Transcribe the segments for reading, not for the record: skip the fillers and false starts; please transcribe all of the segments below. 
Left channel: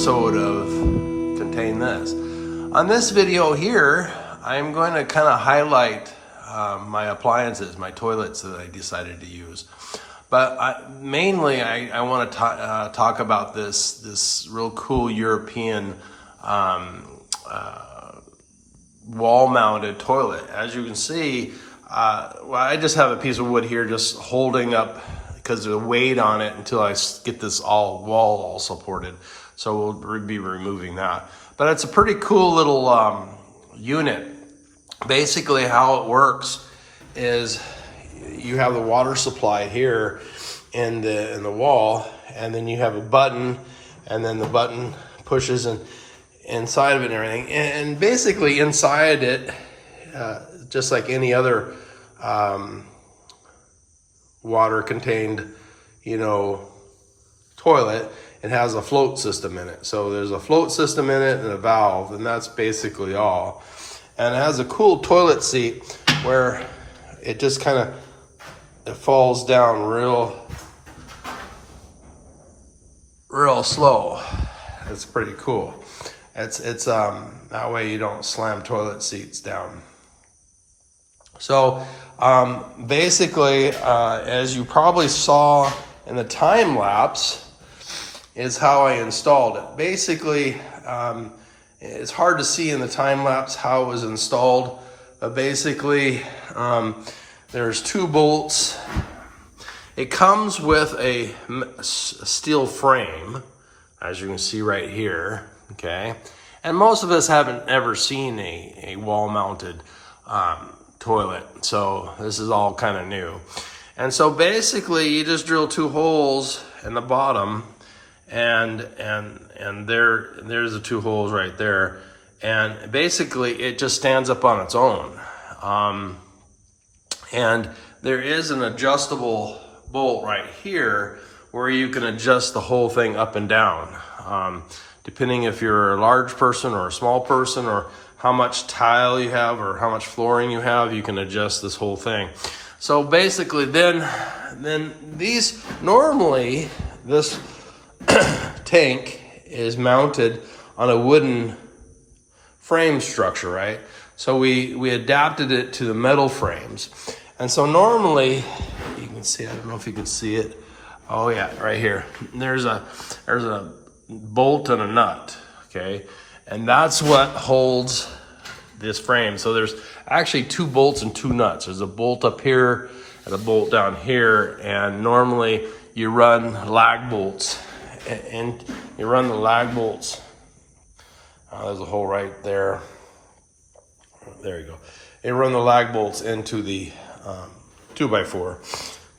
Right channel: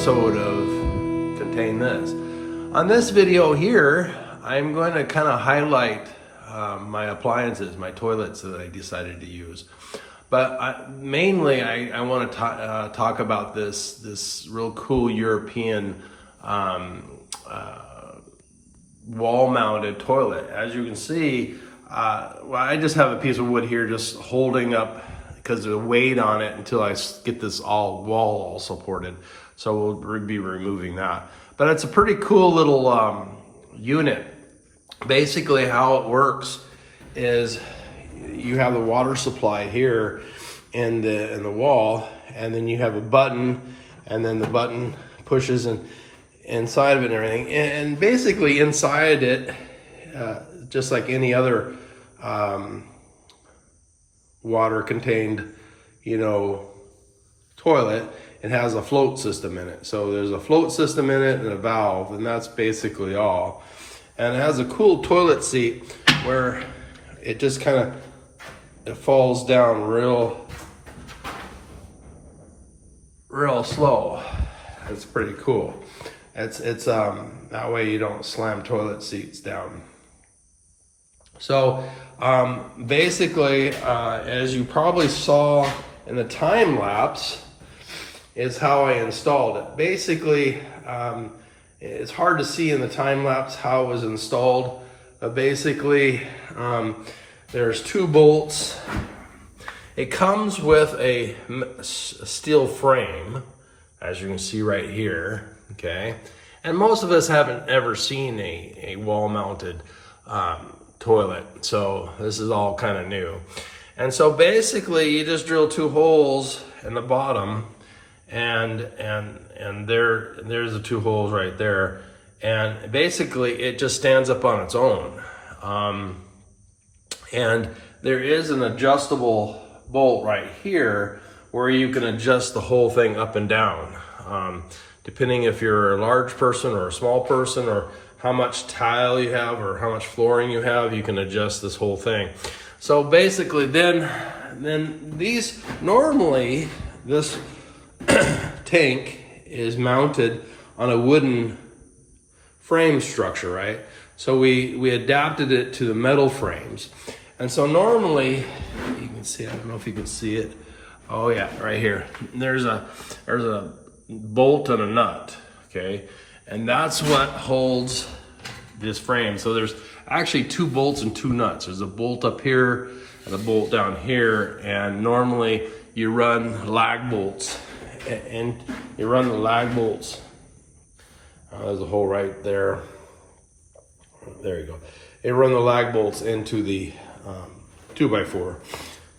episode of Contain This. On this video here, I'm going to kind of highlight my appliances, my toilets that I decided to use. But mainly I want to talk about this real cool European wall-mounted toilet. As you can see, well, I just have a piece of wood here just holding up because of the weight on it until I get this wall all supported. So we'll be removing that. But it's a pretty cool little unit. Basically how it works is you have the water supply here in the wall, and then you have a button, and then the button pushes inside of it and everything. And basically inside it, just like any other water contained, toilet, it has a float system in it. So there's a float system in it and a valve, and that's basically all. And it has a cool toilet seat where it just kind of falls down real slow. It's pretty cool. It's that way you don't slam toilet seats down. So basically, as you probably saw in the time lapse, is how I installed it. Basically, it's hard to see in the time lapse how it was installed. But basically, there's two bolts. It comes with a steel frame, as you can see right here. Okay, and most of us haven't ever seen a wall-mounted toilet, so this is all kind of new. And so basically you just drill two holes in the bottom, and there's the two holes right there, and basically it just stands up on its own. And there is an adjustable bolt right here where you can adjust the whole thing up and down, depending if you're a large person or a small person, or how much tile you have or how much flooring you have, you can adjust this whole thing. So basically then these, normally this tank is mounted on a wooden frame structure, right? So we adapted it to the metal frames. And so normally, you can see, I don't know if you can see it. Oh yeah, right here. There's a bolt and a nut, okay? And that's what holds this frame. So there's actually two bolts and two nuts. There's a bolt up here and a bolt down here. And normally you run lag bolts, and you run the lag bolts. There's a hole right there. There you go. You run the lag bolts into the 2x4,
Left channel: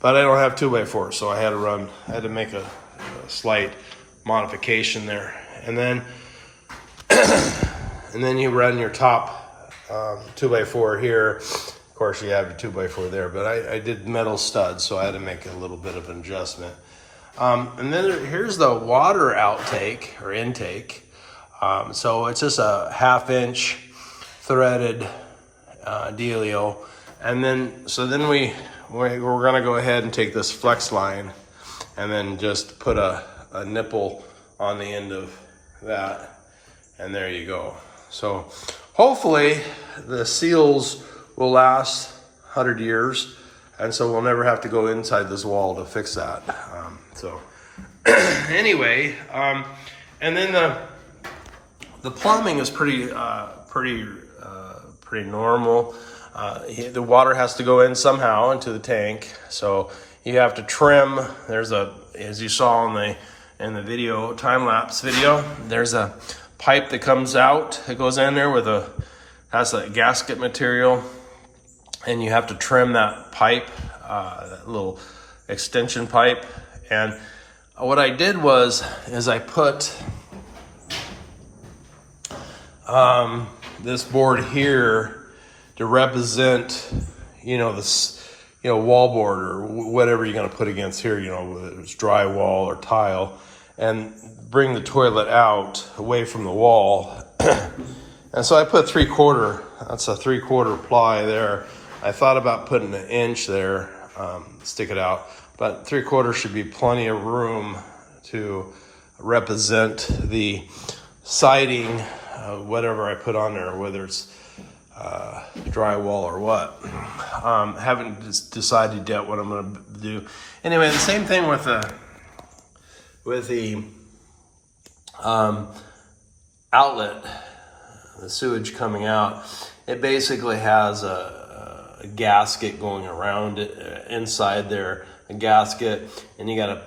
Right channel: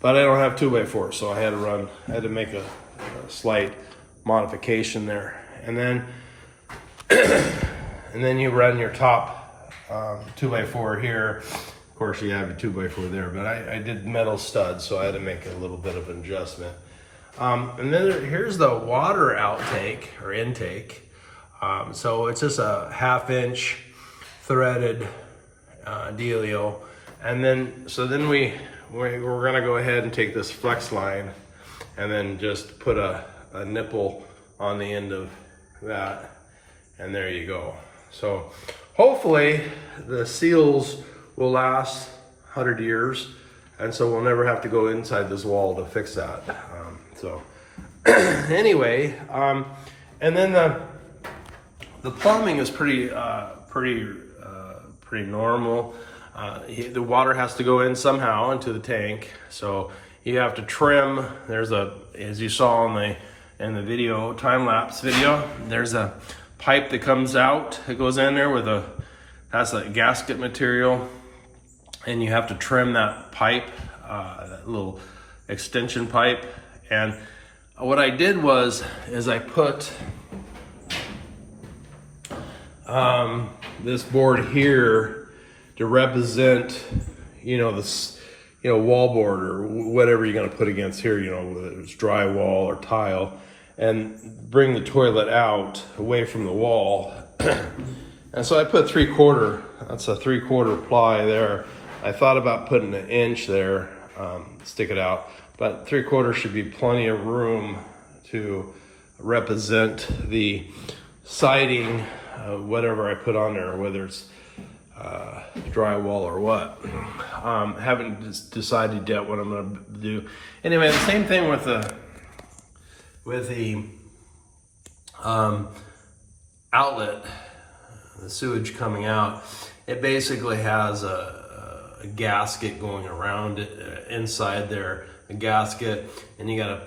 but I don't have 2x4, so I had to make a slight modification there. And then you run your top 2x4 here. Of course, you have your 2x4 there, but I did metal studs, so I had to make a little bit of an adjustment. And then here's the water outtake or intake. So it's just a 1/2-inch threaded dealio. And then we're gonna go ahead and take this flex line and then just put a nipple on the end of that, and there you go. So hopefully the seals will last 100 years, and so we'll never have to go inside this wall to fix that. So anyway, and then the plumbing is pretty normal. The water has to go in somehow into the tank, so you have to trim. There's as you saw in the video, time-lapse video, there's a pipe that comes out, it goes in there has a gasket material, and you have to trim that pipe, that little extension pipe. And what I did is I put this board here to represent, this, wallboard or whatever you're gonna put against here, whether it's drywall or tile, and bring the toilet out away from the wall. And so I put 3/4, that's a 3/4 ply there. I thought about putting 1 inch there, stick it out, but 3/4 should be plenty of room to represent the siding, whatever I put on there, whether it's drywall or what. Haven't decided yet what I'm going to do. Anyway, the same thing with the outlet, the sewage coming out. It basically has a gasket going around it, inside there, a gasket, and you got to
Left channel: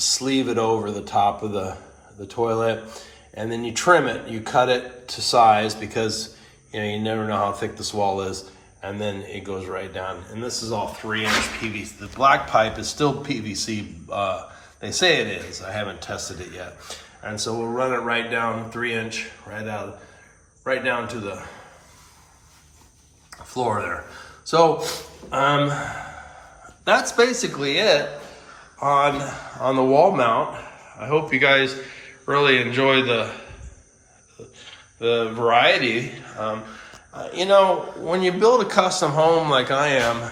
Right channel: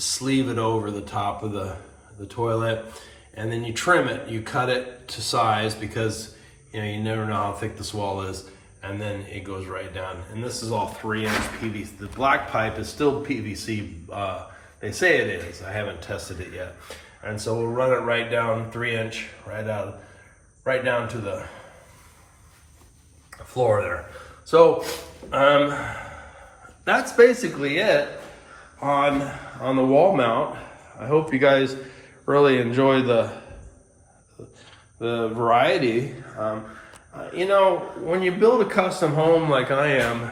sleeve it over the top of the toilet, and then you trim it, you cut it to size, because you never know how thick this wall is, and then it goes right down. And this is all 3-inch PVC. The black pipe is still PVC. They say it is. I haven't tested it yet. And so we'll run it right down, 3-inch, right down to the floor there. So that's basically it on the wall mount. I hope you guys really enjoy the variety. When you build a custom home like I am,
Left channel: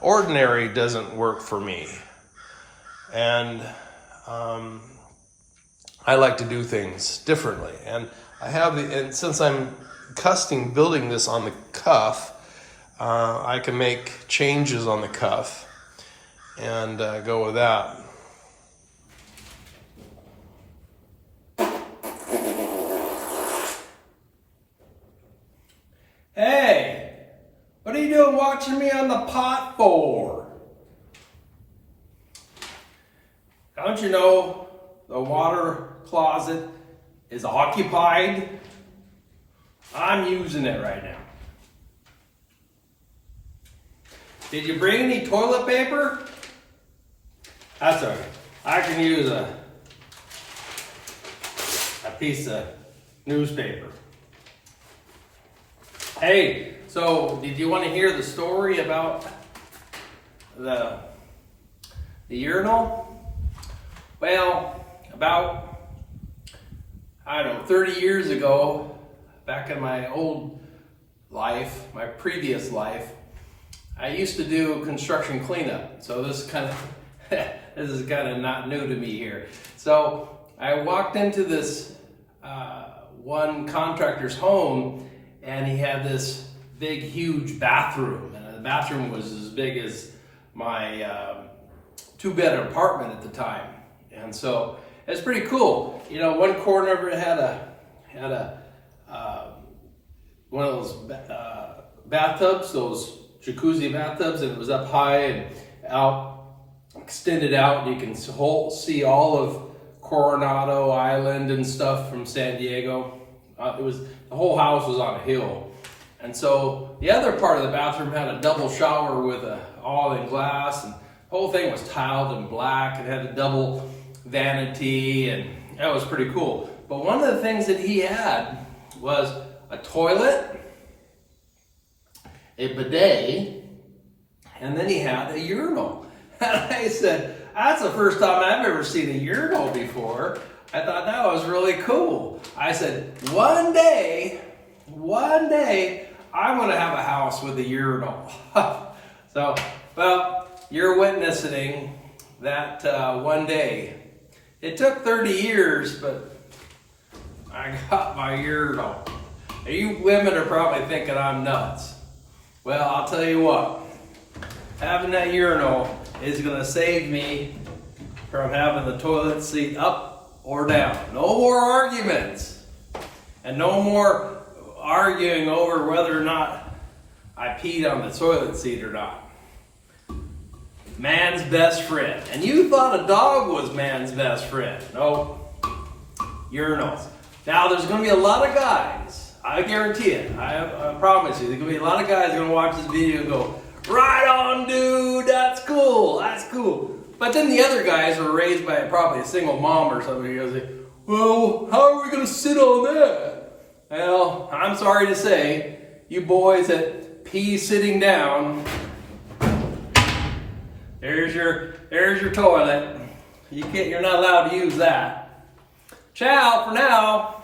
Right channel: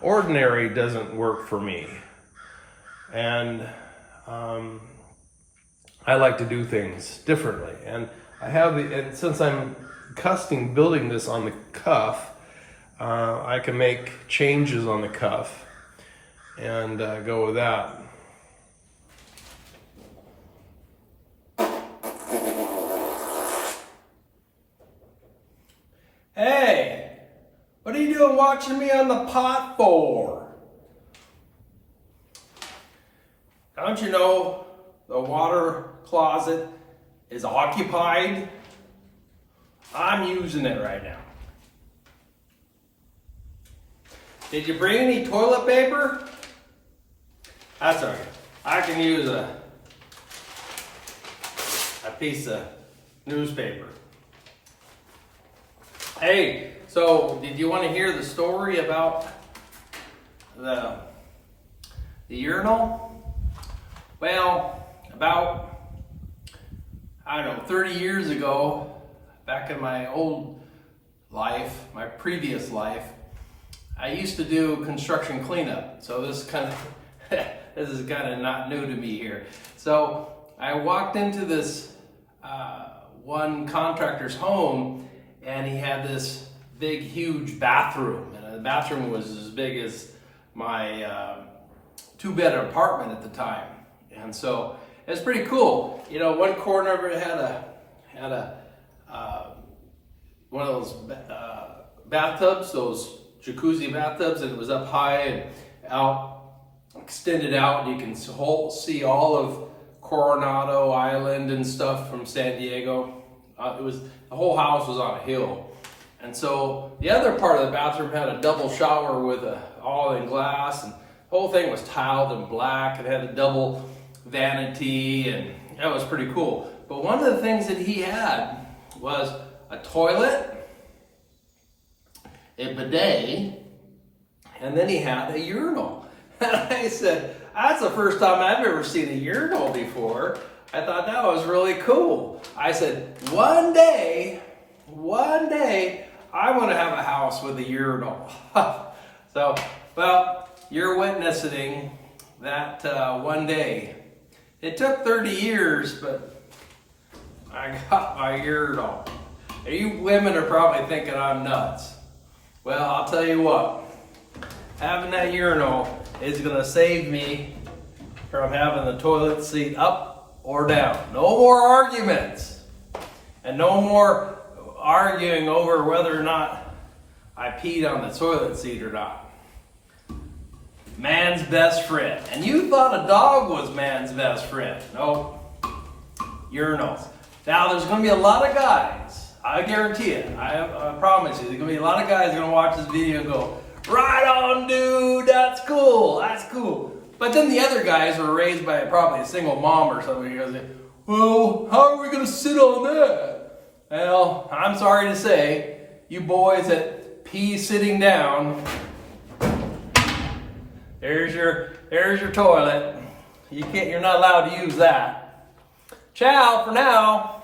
ordinary doesn't work for me. And I like to do things differently. And and since I'm custom building this on the cuff, I can make changes on the cuff and go with that. Hey, what are you doing watching me on the pot for? Don't you know the water closet is occupied? I'm using it right now. Did you bring any toilet paper? That's okay. I can use a piece of newspaper. Hey, so did you want to hear the story about the urinal? Well, about, 30 years ago, back in my old life, my previous life, I used to do construction cleanup. So this is kind of not new to me here. So I walked into this one contractor's home, and he had this big, huge bathroom, and the bathroom was as big as my 2-bed apartment at the time. And so it's pretty cool. One corner of it had one of those bathtubs, those jacuzzi bathtubs, and it was up high and out, extended out, and you can see all of Coronado Island and stuff from San Diego. The whole house was on a hill. And so the other part of the bathroom had a double shower with all in glass, and the whole thing was tiled in black. It had a double vanity, and that was pretty cool. But one of the things that he had was a toilet, a bidet, and then he had a urinal. And I said, that's the first time I've ever seen a urinal before. I thought that was really cool. I said, one day, I want to have a house with a urinal. So, well, you're witnessing that one day. It took 30 years, but I got my urinal. And you women are probably thinking I'm nuts. Well, I'll tell you what, having that urinal is gonna save me from having the toilet seat up or down. No more arguments, and no more arguing over whether or not I peed on the toilet seat or not. Man's best friend. And you thought a dog was man's best friend. Nope. Urinals. Now, there's going to be a lot of guys, I guarantee it, I promise you, there's going to be a lot of guys going to watch this video and go, right on, dude, that's cool, that's cool. But then the other guys were raised by probably a single mom or something. He goes, well, how are we going to sit on that? Well, I'm sorry to say, you boys that pee sitting down, there's your toilet. You're not allowed to use that. Ciao for now.